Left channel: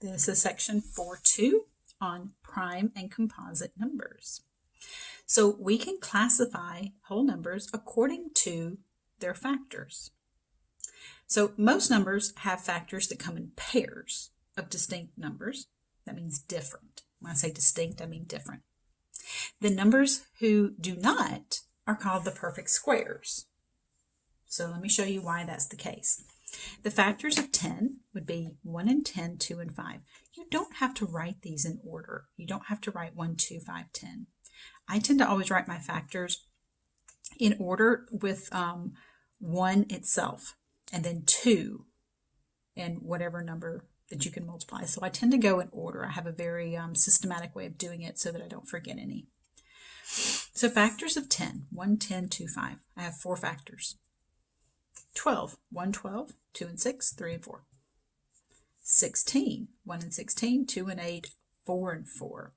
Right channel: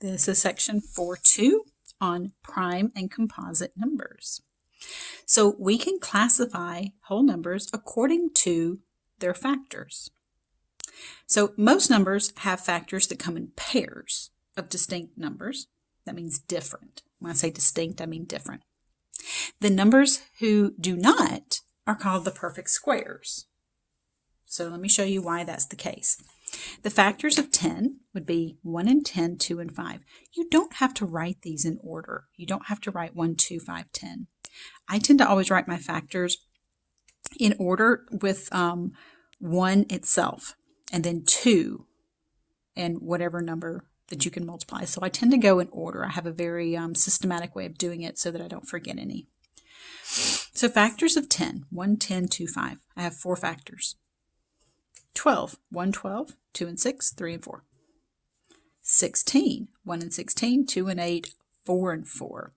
This is section 4.2 on prime and composite numbers. So we can classify whole numbers according to their factors. So most numbers have factors that come in pairs of distinct numbers. That means different. When I say distinct, I mean different. The numbers who do not are called the perfect squares. So let me show you why that's the case. The factors of 10 would be 1 and 10, 2 and 5. You don't have to write these in order. You don't have to write 1, 2, 5, 10. I tend to always write my factors in order with 1 itself, and then 2 and whatever number that you can multiply. So I tend to go in order. I have a very systematic way of doing it so that I don't forget any. So factors of 10, 1, 10, 2, 5. I have 4 factors. 12, 1, 12, 2 and 6, 3 and 4. 16, 1 and 16, 2 and 8, 4 and 4.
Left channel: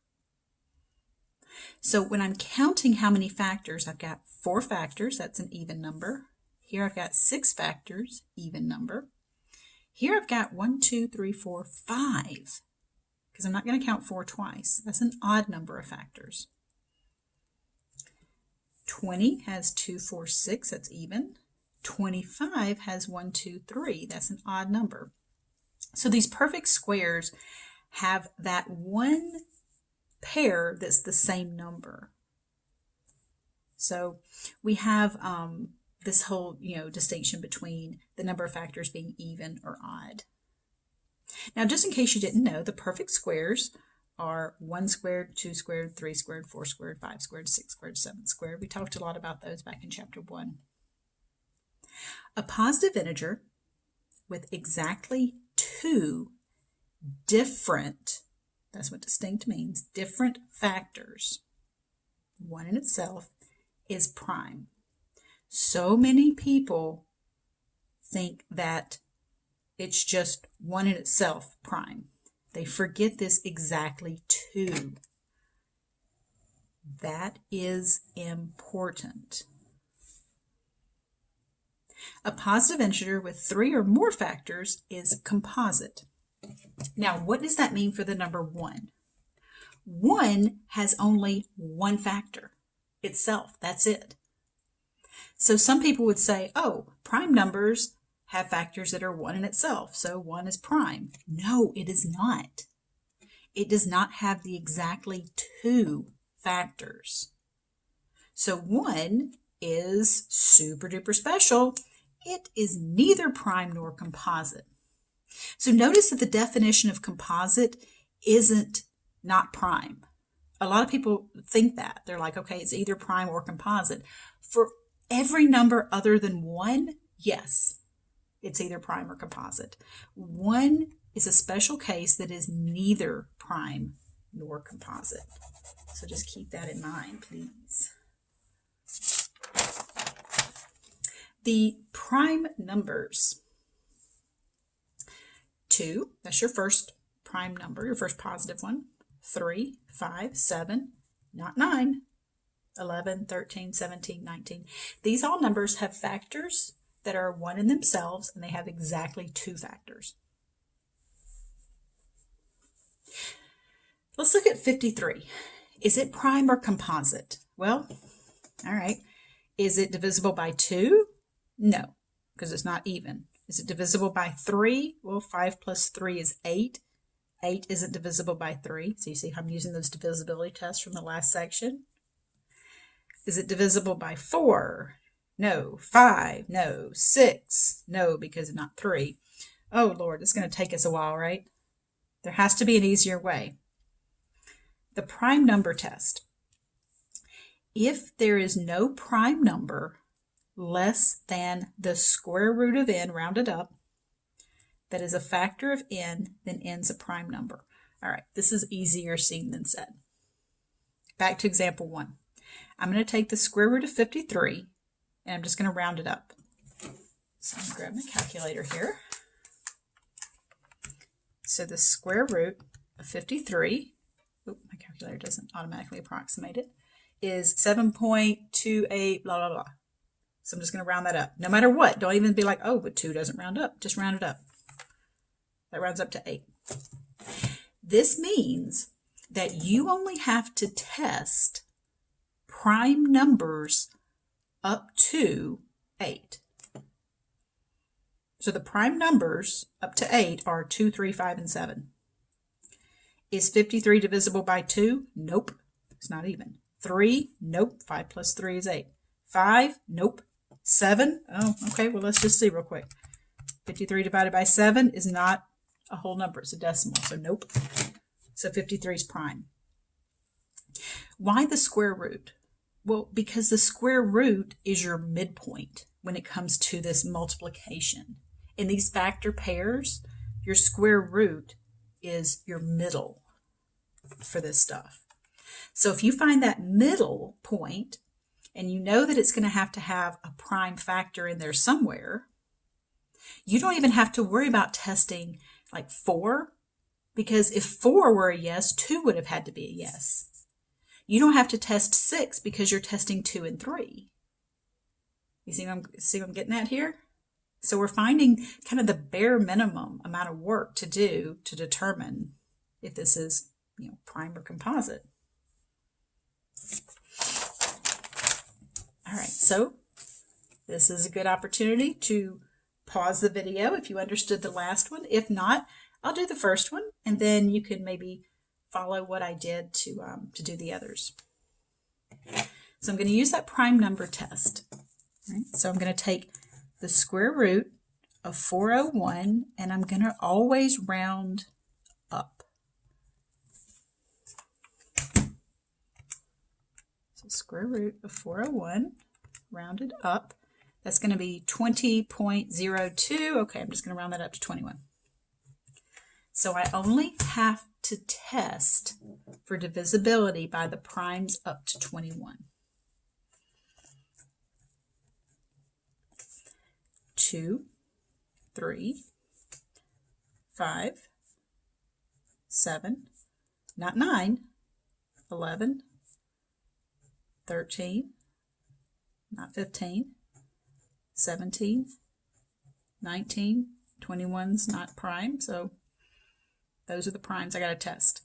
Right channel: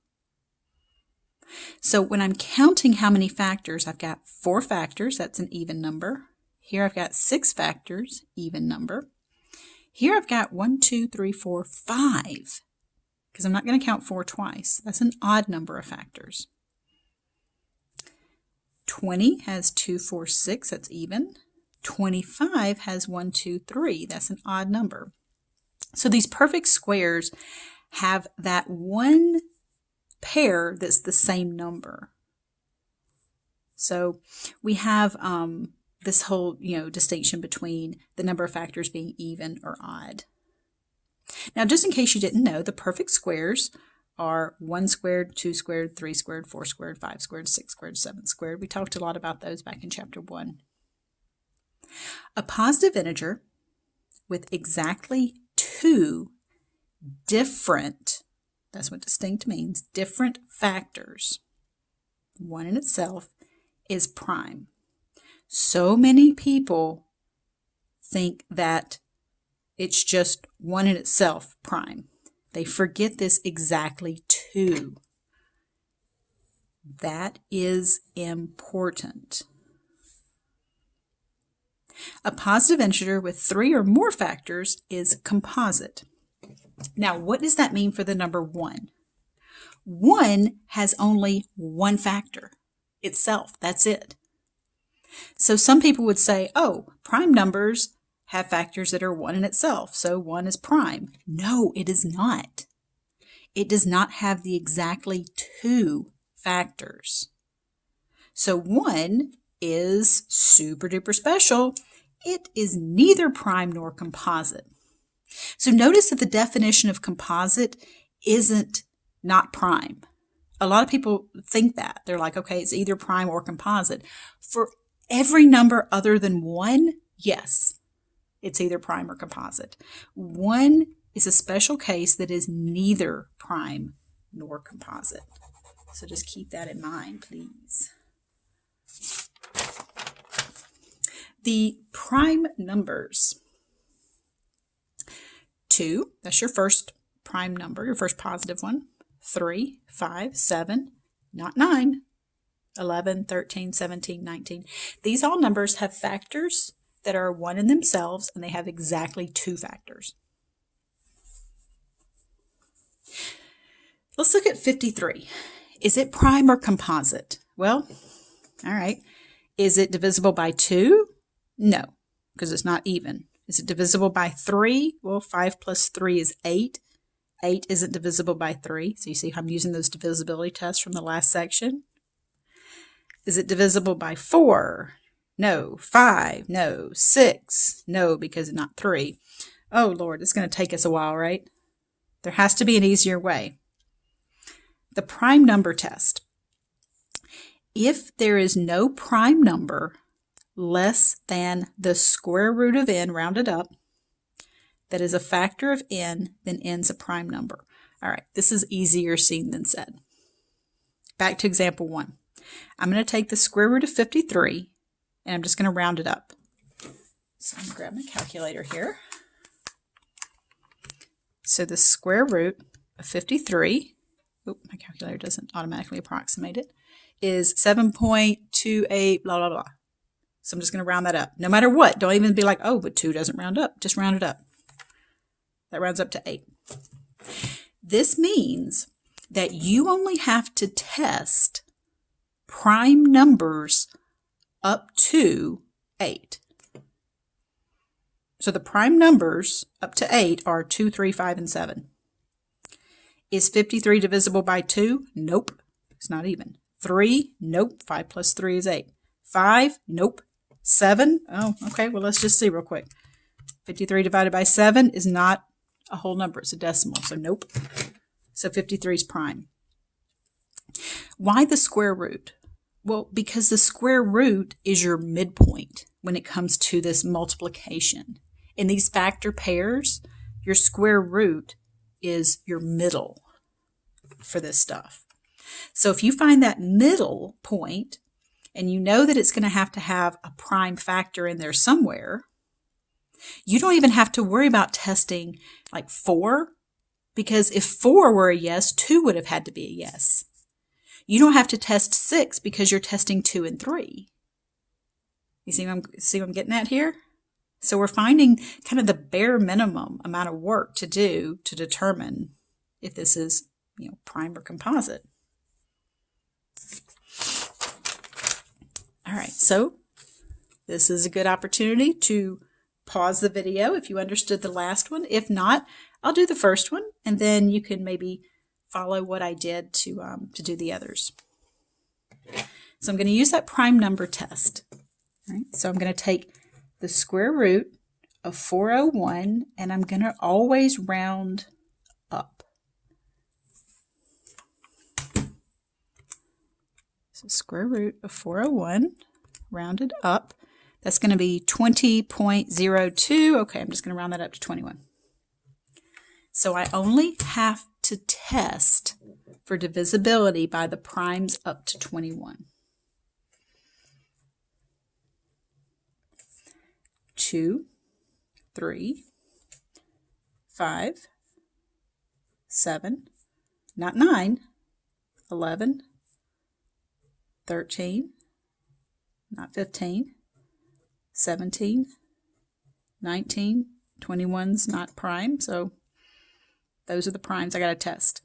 So when I'm counting how many factors, I've got 4 factors, that's an even number. Here I've got 6 factors, even number. Here I've got 1, 2, 3, 4, 5, because I'm not going to count 4 twice. That's an odd number of factors. 20 has 2, 4, 6, that's even. 25 has 1, 2, 3, that's an odd number. So these perfect squares have that one pair that's the same number. So we have this whole, distinction between the number of factors being even or odd. Now, just in case you didn't know, the perfect squares are 1 squared, 2 squared, 3 squared, 4 squared, 5 squared, 6 squared, 7 squared. We talked a lot about those back in chapter 1. A positive integer with exactly 2 different, that's what distinct means, different factors, one in itself, is prime. So many people think that it's just one in itself prime. They forget this exactly 2. That is important. A positive integer with 3 or more factors is composite. Now, what does that mean for the number 1? 1 has only one factor itself. That's it. So some people would say, oh, prime numbers have factors that are 1 in itself, so 1 is prime. No, it is not. It does not have the exactly 2 factors. So 1 is super duper special. It is neither prime nor composite. So notice that the definition of composite isn't not prime. A lot of people think that. They're like, okay, it's either prime or composite. For every number other than 1, yes, it's either prime or composite. 1 is a special case that is neither prime nor composite. So just keep that in mind, please. The prime numbers. 2, that's your first prime number, your first positive one. 3, 5, 7, not 9, 11, 13, 17, 19. These all numbers have factors that are 1 in themselves, and they have exactly 2 factors. Let's look at 53. Is it prime or composite? Well, all right. Is it divisible by 2? No, because it's not even. Is it divisible by 3? Well, 5 plus 3 is 8. 8 isn't divisible by 3. So you see how I'm using those divisibility tests from the last section. Is it divisible by 4? No. 5? No. 6? No, because it's not 3. Oh, Lord, it's going to take us a while, right? There has to be an easier way. The prime number test. If there is no prime number less than the square root of n rounded up, that is a factor of n, then n's a prime number. All right, this is easier seen than said. Back to example 1. I'm going to take the square root of 53, and I'm just going to round it up. So I'm going to grab my calculator here. So the square root of 53, my calculator doesn't automatically approximate it, is 7.28 blah, blah, blah. So I'm just going to round that up. No matter what, don't even be like, oh, but 2 doesn't round up. Just round it up. That rounds up to 8. This means that you only have to test prime numbers up to 8. So the prime numbers up to 8 are 2, 3, 5, and 7. Is 53 divisible by 2? Nope. It's not even. 3? Nope. 5 plus 3 is 8. 5? Nope. 7? Oh, okay. Well, let's just see real quick. 53 divided by 7 is not a whole number. It's a decimal. So nope. So 53 is prime. Why the square root? Well, because the square root is your midpoint when it comes to this multiplication. In these factor pairs, your square root is your middle for this stuff. So if you find that middle point, and you know that it's going to have a prime factor in there somewhere, you don't even have to worry about testing like 4, because if 4 were a yes, 2 would have had to be a yes. You don't have to test 6 because you're testing 2 and 3. You see what I'm getting at here? So we're finding kind of the bare minimum amount of work to do to determine if this is, prime or composite. All right, so this is a good opportunity to pause the video if you understood the last one. If not, I'll do the first one, and then you can maybe follow what I did to do the others. So I'm going to use that prime number test. Right? So I'm going to take the square root of 401, and I'm going to always round up. So square root of 401 rounded up. That's going to be 20.02. Okay, I'm just going to round that up to 21. So I only have to test for divisibility by the primes up to 21. 2, 3, 5, 7, not 9, 11, 13, not 15, 17, 19, 21's not prime, so those are the primes I got to test.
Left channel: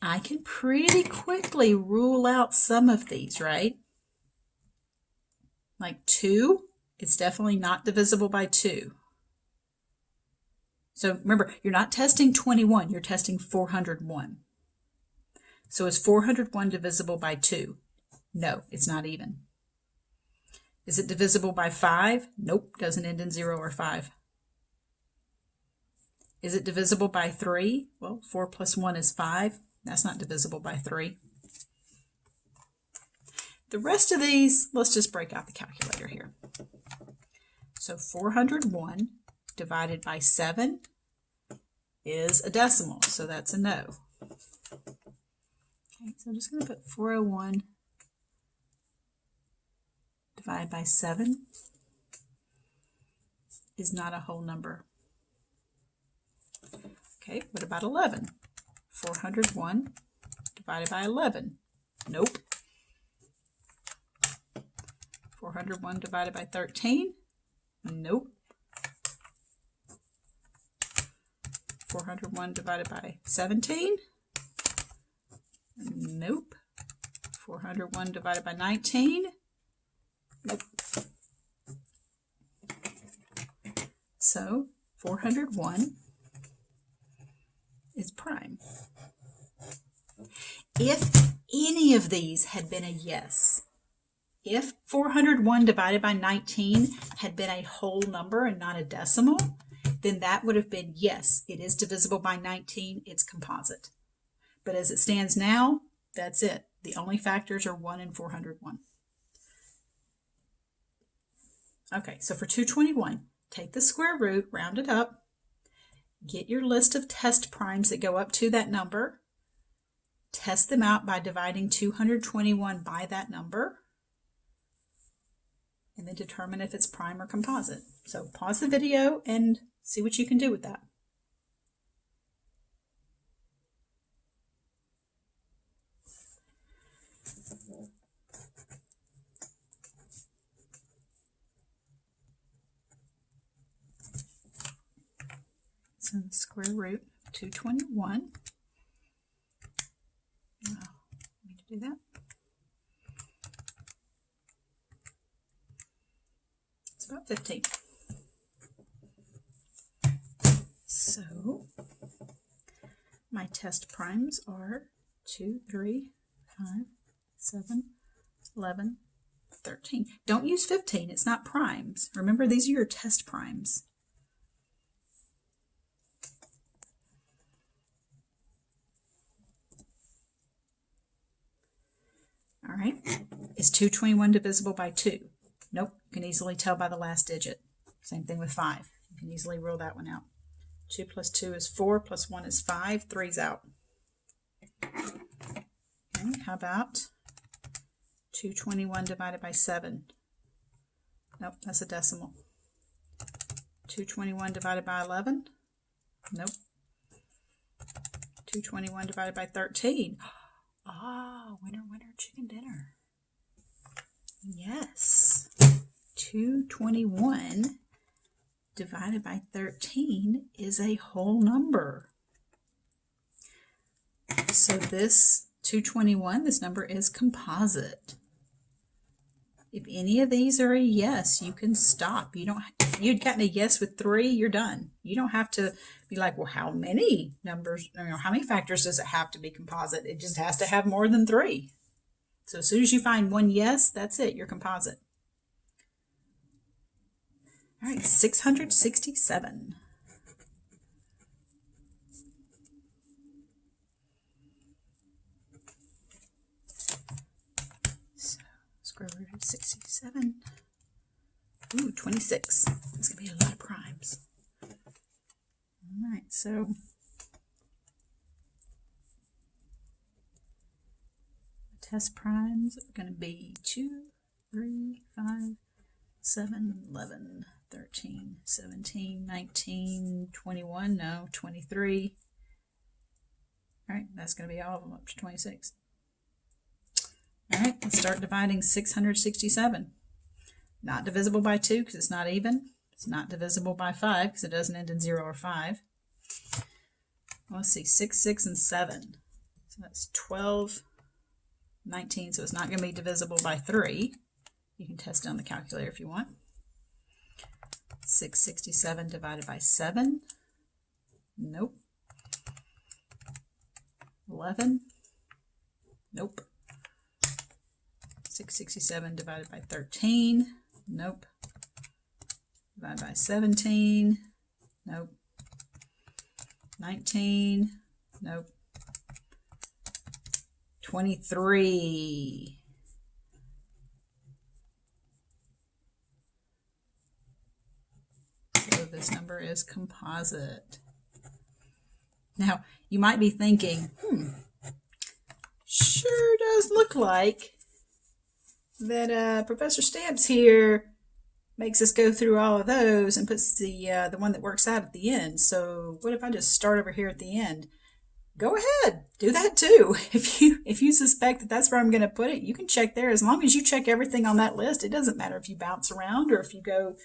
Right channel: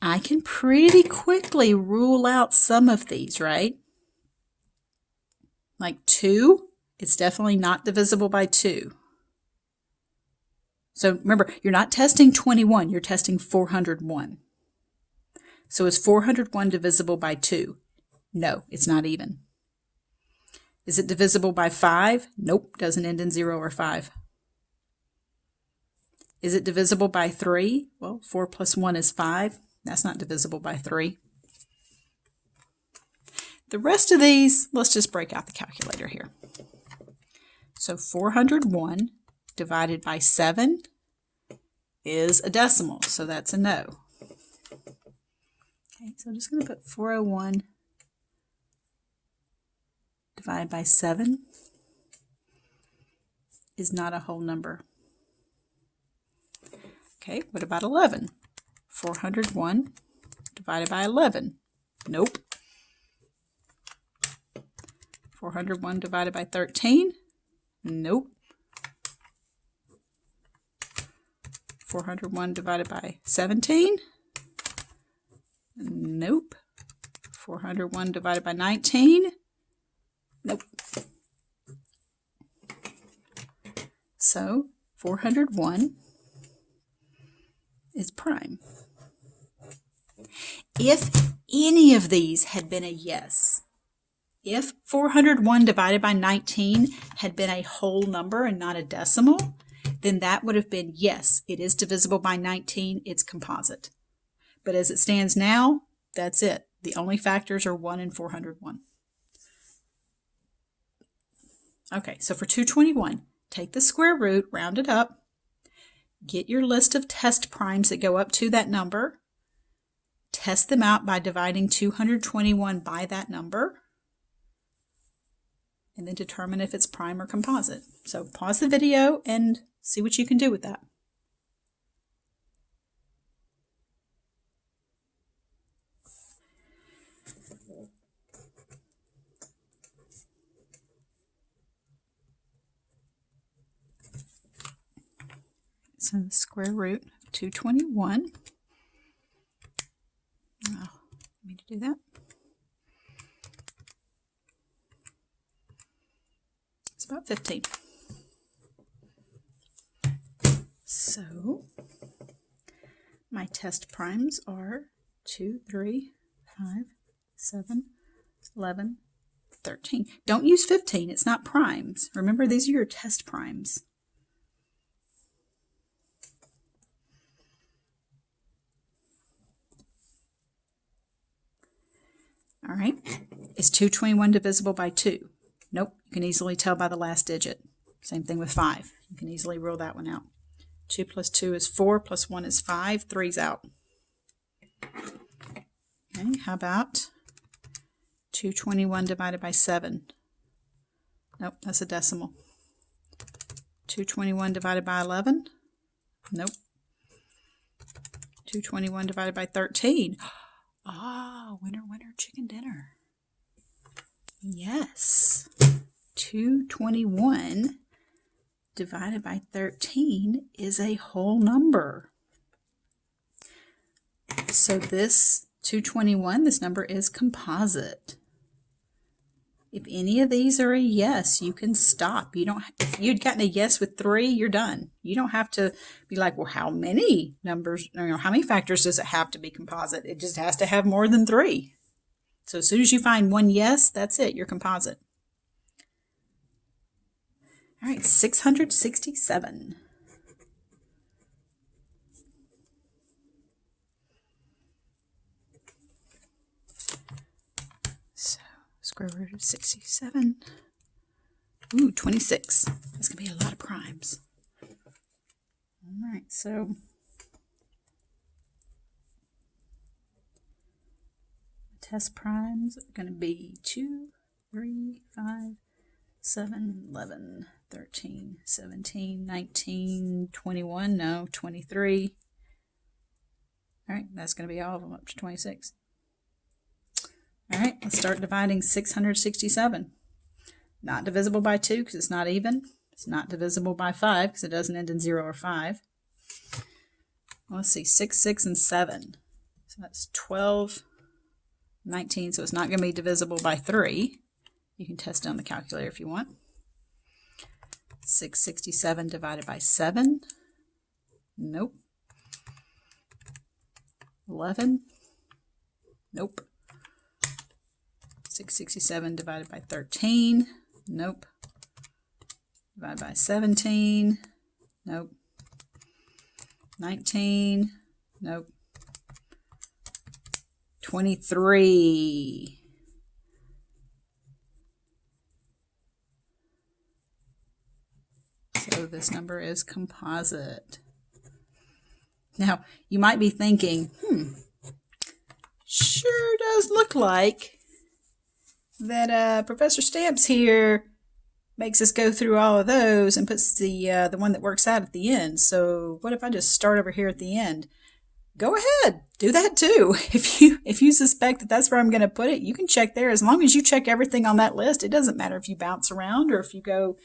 I can pretty quickly rule out some of these, right? Like 2, it's definitely not divisible by 2. So remember, you're not testing 21, you're testing 401. So is 401 divisible by 2? No, it's not even. Is it divisible by 5? Nope, doesn't end in 0 or 5. Is it divisible by 3? Well, 4 plus 1 is 5. That's not divisible by 3. The rest of these, let's just break out the calculator here. So 401 divided by 7 is a decimal, so that's a no. Okay, so I'm just going to put 401 divided by 7 is not a whole number. Okay, what about 11? 401 divided by 11. Nope. 401 divided by 13. Nope. 401 divided by 17. Nope. 401 divided by 19. Nope. So 401 is prime. If any of these had been a yes, if 401 divided by 19 had been a whole number and not a decimal, then that would have been yes, it is divisible by 19, it's composite. But as it stands now, that's it. The only factors are 1 and 401. Okay, so for 221, take the square root, round it up, get your list of test primes that go up to that number, test them out by dividing 221 by that number, and then determine if it's prime or composite. So pause the video and see what you can do with that. So the square root of 221. Oh, let me do that. It's about 15. So my test primes are 2, 3, 5, 7, 11, 13. Don't use 15. It's not primes. Remember, these are your test primes. All right. Is 221 divisible by 2? Nope. You can easily tell by the last digit. Same thing with 5. You can easily rule that one out. 2 plus 2 is 4, plus 1 is 5. 3's out. Okay, how about 221 divided by 7? Nope, that's a decimal. 221 divided by 11? Nope. 221 divided by 13? Ah, winner, winner, chicken dinner. Yes. 221 divided by 13 is a whole number. So this 221, this number is composite. If any of these are a yes, you can stop. You don't. If you'd gotten a yes with 3, you're done. You don't have to be like, well, how many numbers, how many factors does it have to be composite? It just has to have more than 3. So as soon as you find one yes, that's it. You're composite. All right, 667. So square root of 67. Ooh, 26. That's going to be a lot of primes. All right, so test primes are going to be 2, 3, 5, 7, 11, 13, 17, 19, 21, no, 23. All right, that's going to be all of them up to 26. All right, let's start dividing 667. Not divisible by 2 because it's not even. It's not divisible by 5 because it doesn't end in 0 or 5. Well, let's see, 6, 6, and 7. So that's 12, 19. So it's not going to be divisible by 3. You can test it on the calculator if you want. 667 divided by 7. Nope. 11. Nope. 667 divided by 13. Nope. Divided by 17. Nope. 19. Nope. 23. So this number is composite. Now, you might be thinking, sure does look like that Professor Stamps here makes us go through all of those and puts the one that works out at the end. So what if I just start over here at the end? Go ahead, do that too. If you suspect that that's where I'm going to put it, you can check there. As long as you check everything on that list, it doesn't matter if you bounce around or if you go,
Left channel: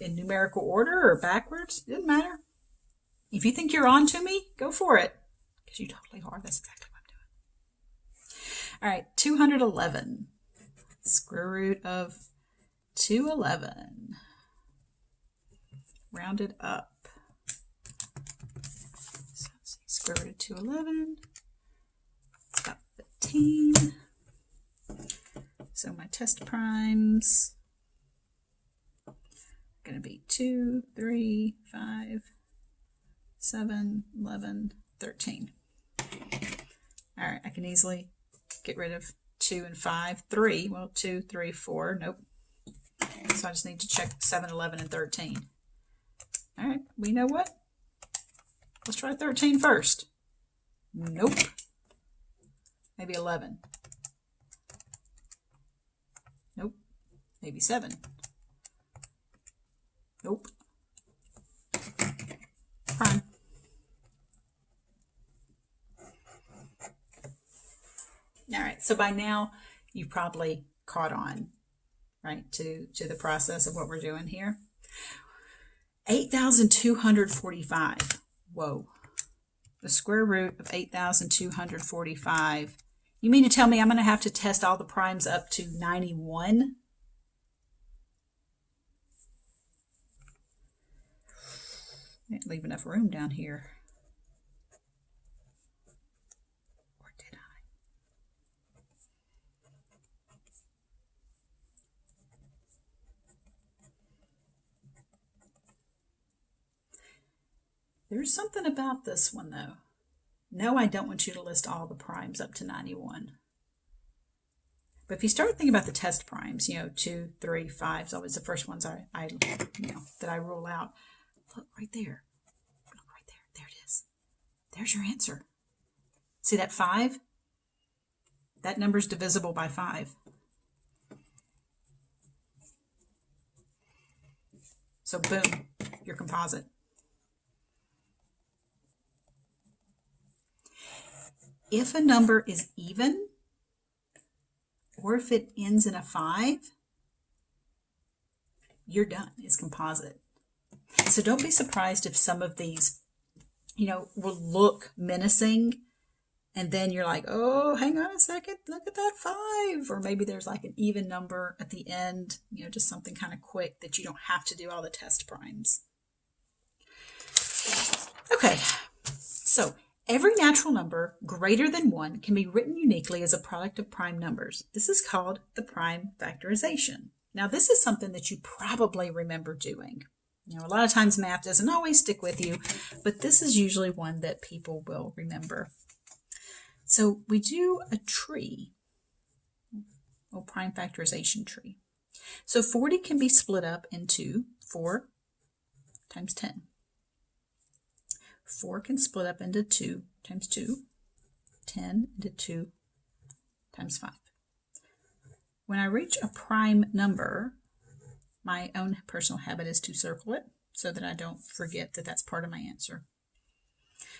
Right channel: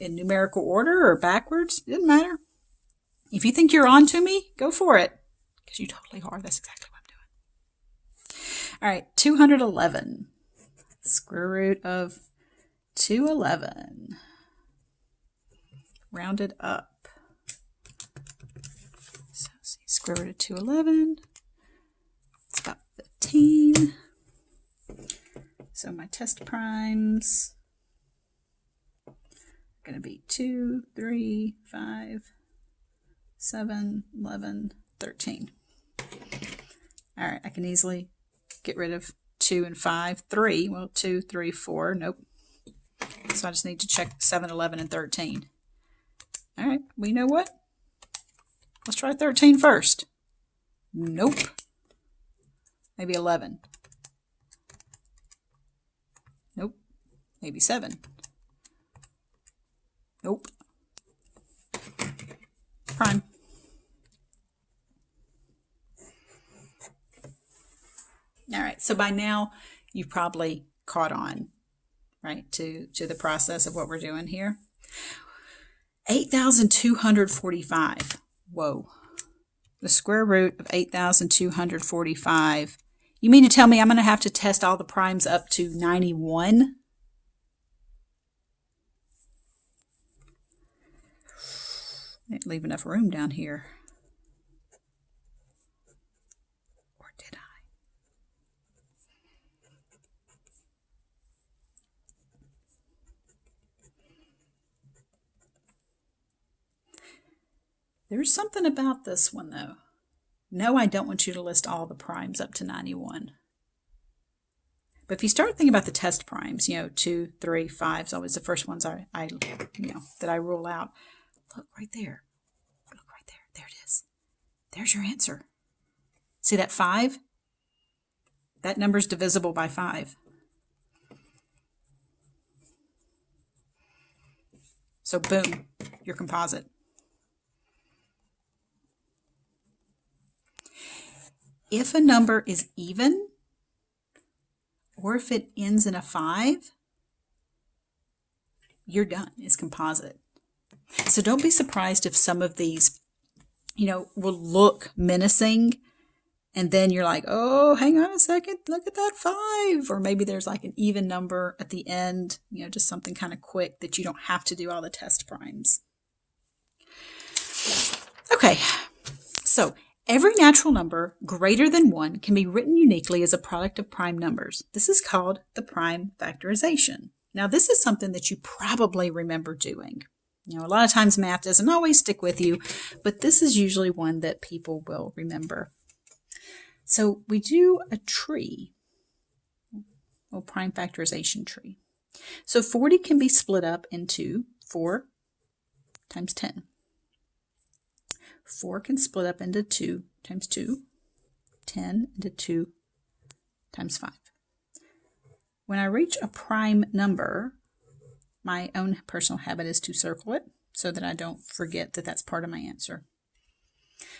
in numerical order or backwards. It doesn't matter. If you think you're on to me, go for it, because you totally are. That's exactly what I'm doing. All right, 211. Square root of 211. Rounded up. So let's see, square root of 211. It's about 15. So my test primes are going to be 2, 3, 5, 7, 11, 13. All right, I can easily get rid of 2 and 5, 3. Well, 2, 3, 4. Nope. So I just need to check 7, 11, and 13. All right, well, you know what? Let's try 13 first. Nope. Maybe 11. Nope. Maybe 7. Nope. Prime. All right, so by now you've probably caught on, right, to the process of what we're doing here. 8,245. Whoa. The square root of 8,245. You mean to tell me I'm going to have to test all the primes up to 91? I didn't leave enough room down here. Or did I? There's something about this one, though. No, I don't want you to list all the primes up to 91. But if you start thinking about the test primes, 2, 3, 5 is always the first ones that I rule out. Look right there. Look right there. There it is. There's your answer. See that 5? That number's divisible by 5. So boom, your composite. If a number is even, or if it ends in a 5, you're done. It's composite. So don't be surprised if some of these, will look menacing, and then you're like, oh, hang on a second, look at that 5. Or maybe there's like an even number at the end, just something kind of quick that you don't have to do all the test primes. Okay, so every natural number greater than 1 can be written uniquely as a product of prime numbers. This is called the prime factorization. Now, this is something that you probably remember doing. A lot of times math doesn't always stick with you, but this is usually one that people will remember. So we do a tree, a prime factorization tree. So 40 can be split up into 4 times 10. 4 can split up into 2 times 2, 10 into 2 times 5. When I reach a prime number, my own personal habit is to circle it so that I don't forget that that's part of my answer.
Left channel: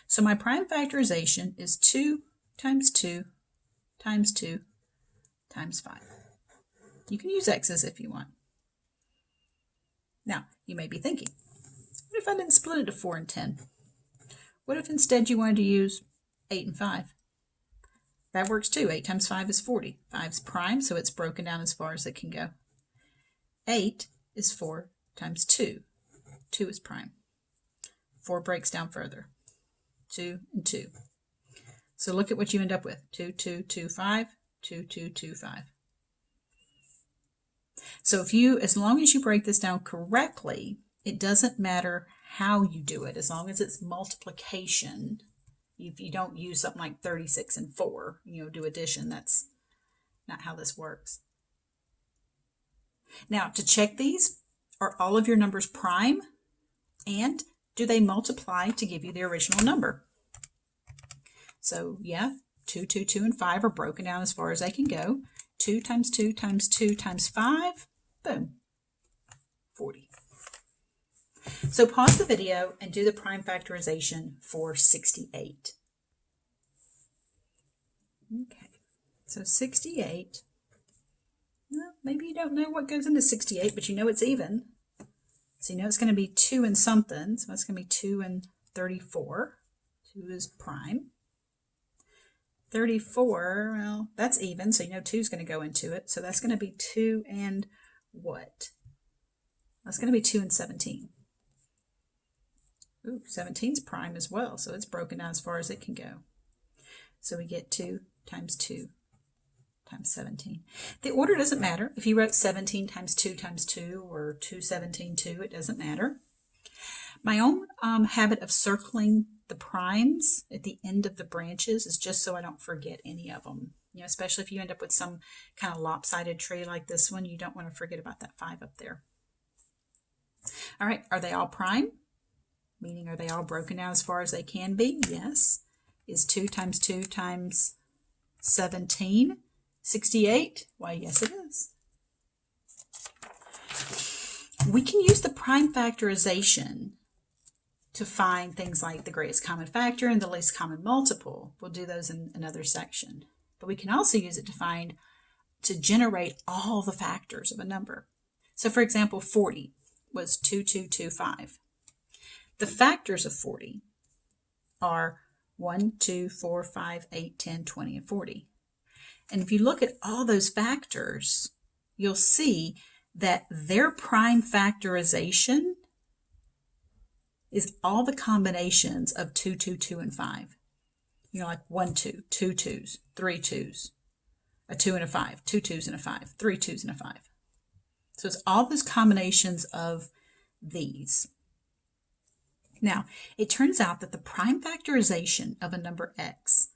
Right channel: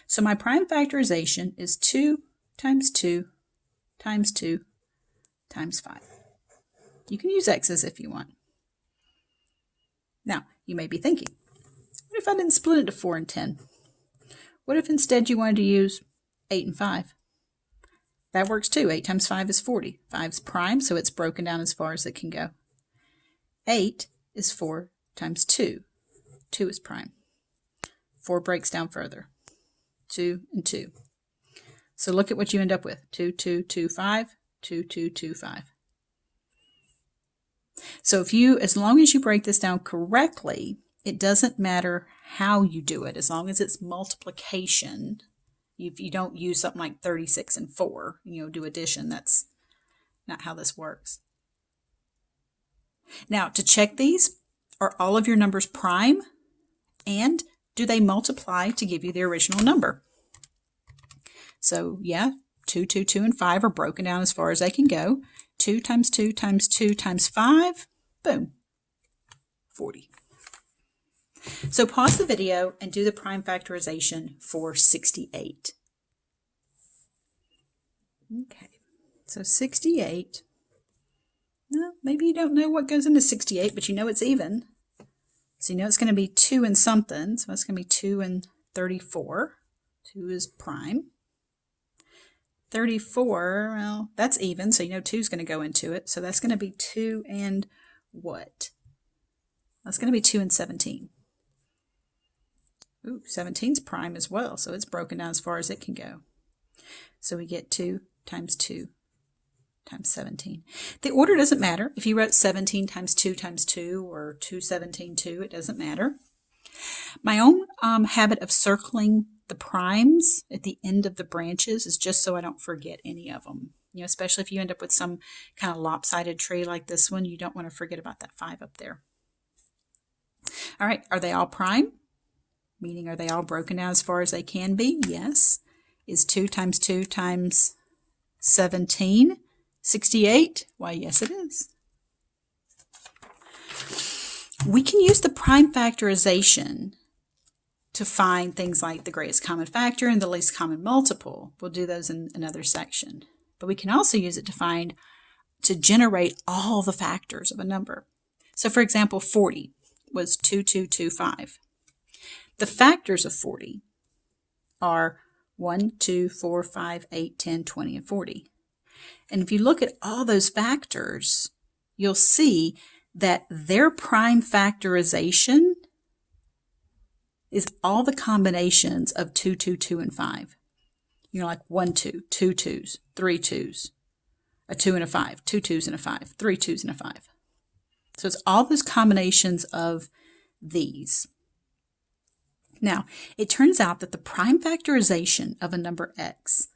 So my prime factorization is 2 times 2 times 2 times 5. You can use x's if you want. Now, you may be thinking, what if I didn't split it into 4 and 10? What if instead you wanted to use 8 and 5? That works too. 8 times 5 is 40. 5 is prime, so it's broken down as far as it can go. 8 is 4 times 2. 2 is prime. 4 breaks down further. 2 and 2. So look at what you end up with. 2, 2, 2, 5, 2, 2, 2, 5. So as long as you break this down correctly, it doesn't matter how you do it, as long as it's multiplication. If you don't use something like 36 and 4, do addition, that's not how this works. Now, to check these, are all of your numbers prime? And do they multiply to give you the original number? So, yeah, 2, 2, 2, and 5 are broken down as far as they can go. 2 times 2 times 2 times 5, boom, 40. So pause the video and do the prime factorization for 68. Okay, so 68. Well, maybe you don't know what goes into 68, but you know it's even. So you know it's going to be 2 and something, so it's going to be 2 and 34. 2 is prime. 34, well, that's even, so 2 is going to go into it. So that's going to be 2 and what? That's going to be 2 and 17. Ooh, 17's prime as well, so it's broken down as far as it can go. So we get 2 times 2 times 17. The order doesn't matter. If you wrote 17 times 2 times 2 or 2, 17, 2, it doesn't matter. My own habit of circling the primes at the end of the branches is just so I don't forget any of them. Especially if you end up with some kind of lopsided tree like this one, you don't want to forget about that 5 up there. All right, are they all prime? Meaning, are they all broken down as far as they can be? Yes. Is 2 times 2 times 17 68? Why, yes, it is. We can use the prime factorization to find things like the greatest common factor and the least common multiple. We'll do those in another section. But we can also use it to generate all the factors of a number. So, for example, 40 was 2225. The factors of 40 are 1, 2, 4, 5, 8, 10, 20, and 40. And if you look at all those factors, you'll see that their prime factorization is all the combinations of 2, 2, 2, and 5. You know, like 1, 2, 2 2s, 3 2s, a 2 and a 5, 2 2s and a 5, 3 2s and a 5. So it's all those combinations of these. Now, it turns out that the prime factorization of a number x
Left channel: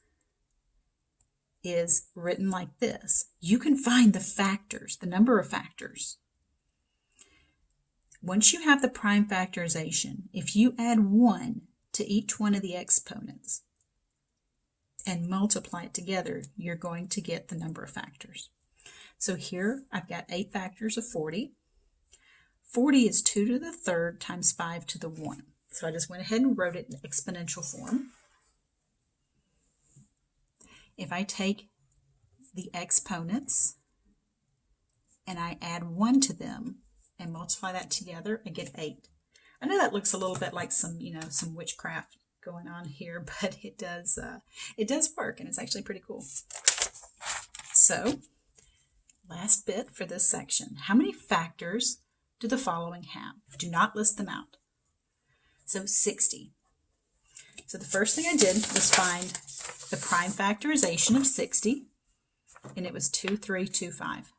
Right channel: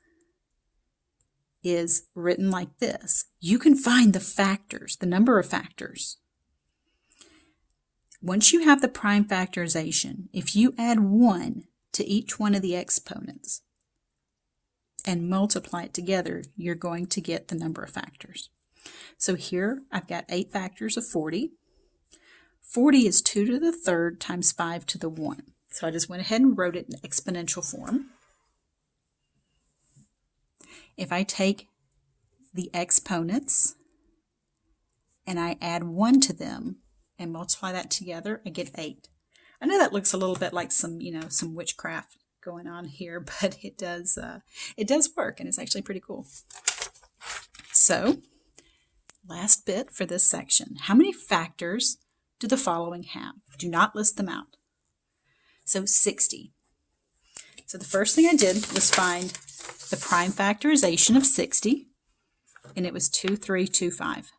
is written like this. You can find the factors, the number of factors. Once you have the prime factorization, if you add 1 to each one of the exponents and multiply it together, you're going to get the number of factors. So here I've got 8 factors of 40. 40 is 2 to the third times 5 to the 1. So I just went ahead and wrote it in exponential form. If I take the exponents and I add 1 to them and multiply that together, I get 8. I know that looks a little bit like some witchcraft going on here, but it does work, and it's actually pretty cool. So, last bit for this section. How many factors do the following have? Do not list them out. So 60. So the first thing I did was find the prime factorization of 60, and it was 2325.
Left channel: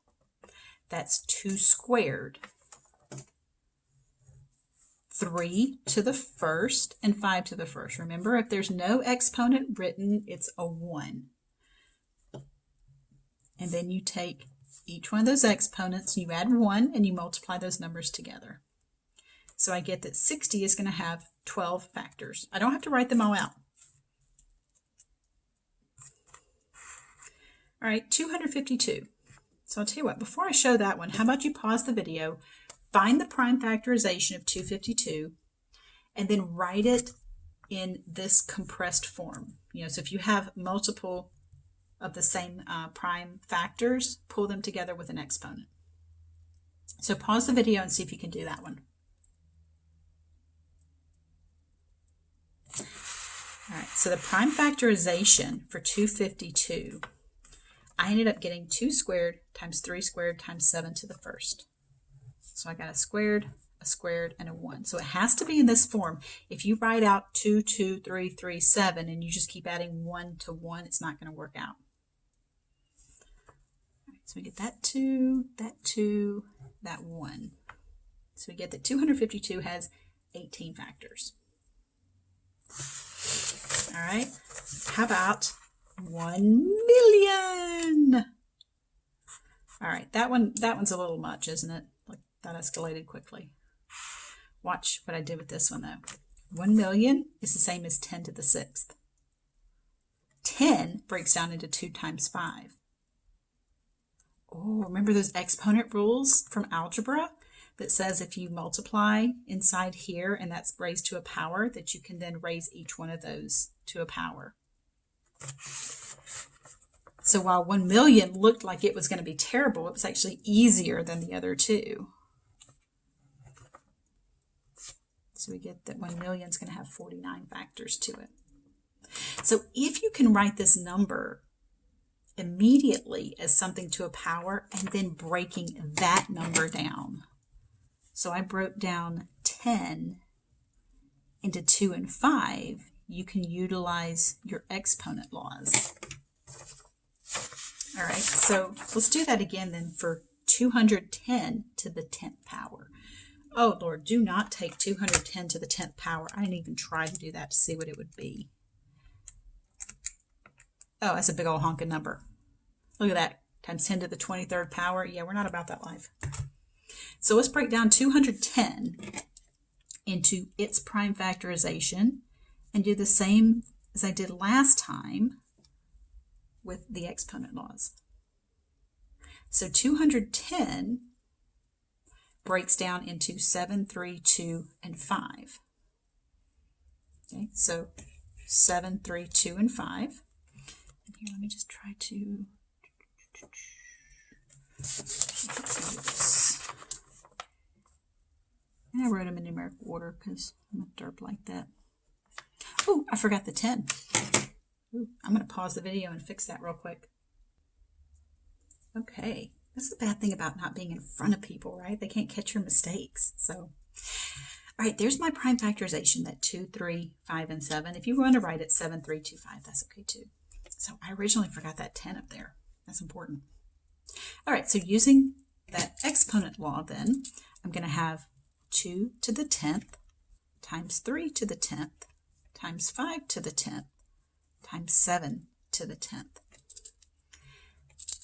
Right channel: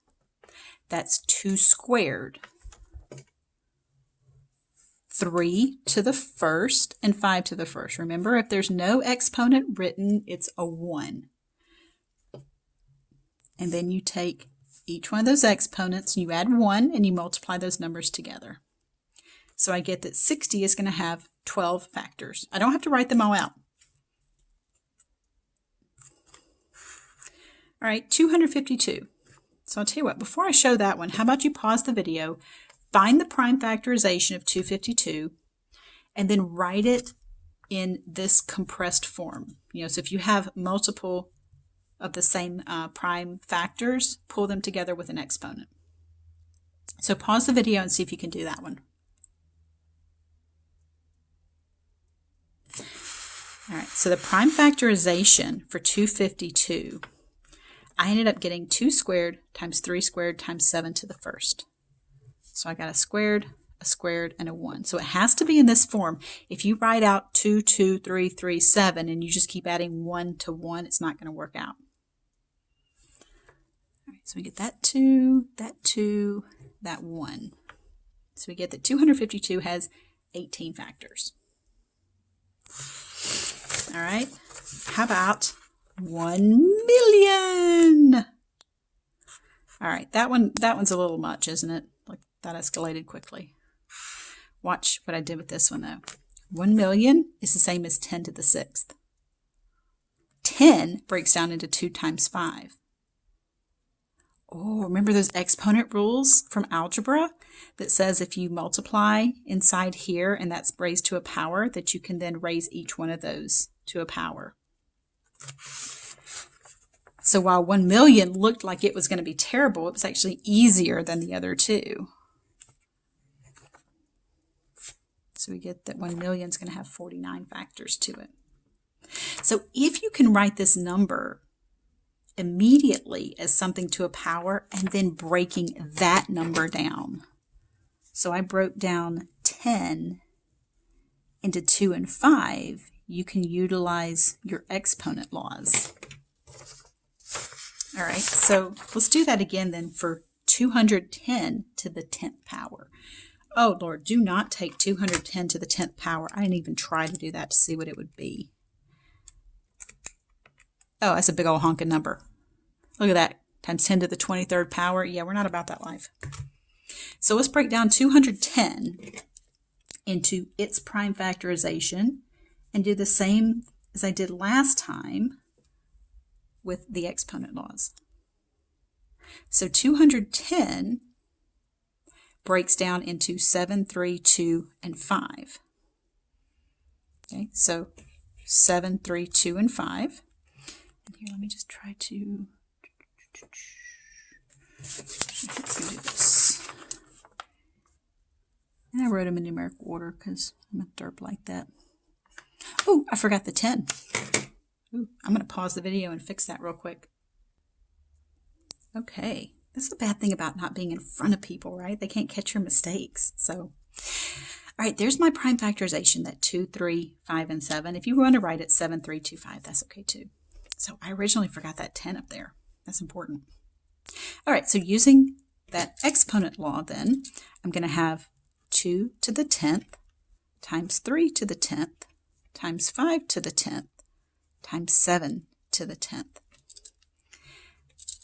That's 2 squared. 3 to the first and 5 to the first. Remember, if there's no exponent written, it's a 1. And then you take each one of those exponents, and you add 1, and you multiply those numbers together. So I get that 60 is going to have 12 factors. I don't have to write them all out. All right, 252. So I'll tell you what, before I show that one, how about you pause the video, find the prime factorization of 252, and then write it in this compressed form. So if you have multiple of the same prime factors, pull them together with an exponent. So pause the video and see if you can do that one. All right, so the prime factorization for 252, I ended up getting 2 squared times 3 squared times 7 to the first. So I got a squared, and a 1. So it has to be in this form. If you write out 2, 2, 3, 3, 7, and you just keep adding 1 to 1, it's not going to work out. All right, so we get that 2, that 1. So we get that 252 has 18 factors. All right, how about 1,000,000? All right, that one's a little much, isn't it? Like, that escalated quickly. Watch what I did with this one, though. 1,000,000 is the same as 10 to the 6th. 10 breaks down into 2 times 5. Oh, remember those exponent rules from algebra that says if you multiply inside here and that's raised to a power, that you can then raise each one of those to a power. So while 1,000,000 looked like it was going to be terrible, it was actually easier than the other two. So we get that 1,000,000 is going to have 49 factors to it. So if you can write this number immediately as something to a power and then breaking that number down. So I broke down 10 into 2 and 5. You can utilize your exponent laws. All right, so let's do that again then for 210 to the 10th power. Oh, Lord, do not take 210 to the 10th power. I didn't even try to do that to see what it would be. Oh, that's a big old honking number. Look at that, times 10 to the 23rd power. Yeah, we're not about that life. So let's break down 210 into its prime factorization and do the same as I did last time with the exponent laws. So 210 breaks down into 7, 3, 2, and 5. Okay, so 7, 3, 2, and 5. And here, let me just try to do this. And I wrote them in numerical order because I'm a derp like that. Oh, I forgot the 10. Ooh, I'm going to pause the video and fix that real quick. Okay, that's the bad thing about not being in front of people, right? They can't catch your mistakes. So, all right, there's my prime factorization, that 2, 3, 5, and 7. If you want to write it 7, 3, 2, 5, that's okay too. So I originally forgot that 10 up there. That's important. All right, so using that exponent law then, I'm going to have 2 to the 10th times 3 to the 10th times 5 to the 10th times 7 to the 10th.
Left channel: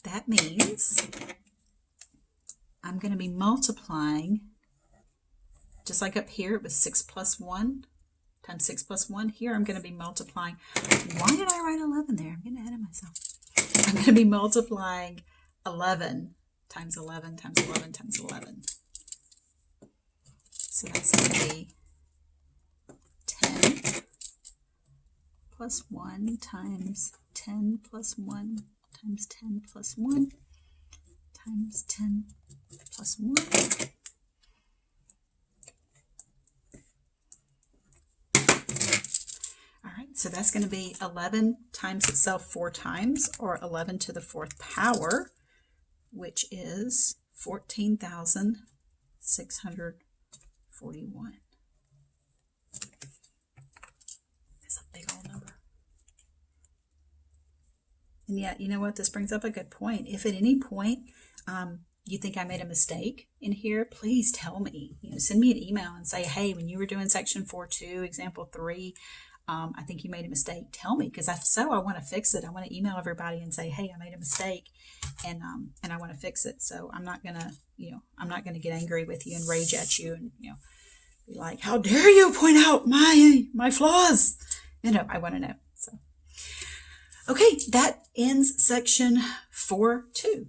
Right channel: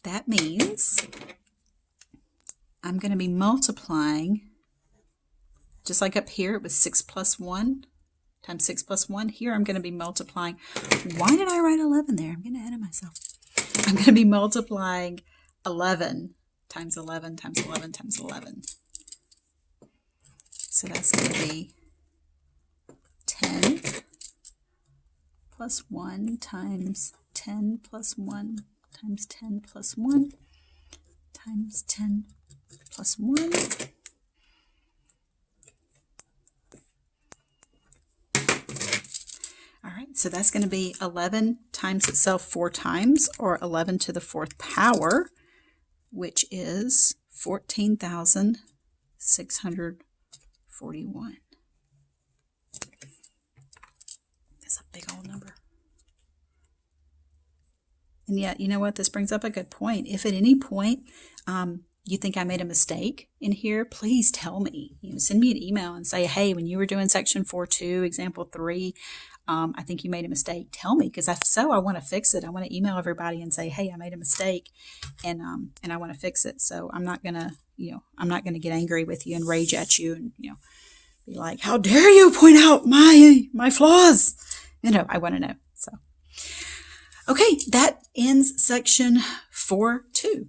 That means I'm going to be multiplying, just like up here, it was 6 plus 1 times 6 plus 1. Here I'm going to be multiplying. Why did I write 11 there? I'm getting ahead of myself. I'm going to be multiplying 11 times 11 times 11 times 11. So that's going to be 10 plus 1 times 10 plus 1 times 10 plus 1 times 10 plus 1. All right, so that's going to be 11 times itself 4 times, or 11 to the 4th power, which is 14,641. That's a big old number. And yet, you know what? This brings up a good point. If at any point you think I made a mistake in here, please tell me. Send me an email and say, hey, when you were doing section 4.2, example 3, I think you made a mistake. Tell me, because if so, I want to fix it. I want to email everybody and say, hey, I made a mistake, and I want to fix it. So I'm not gonna, I'm not gonna get angry with you and rage at you and be like, how dare you point out my flaws? I want to know. So. Okay, that ends section 4.2.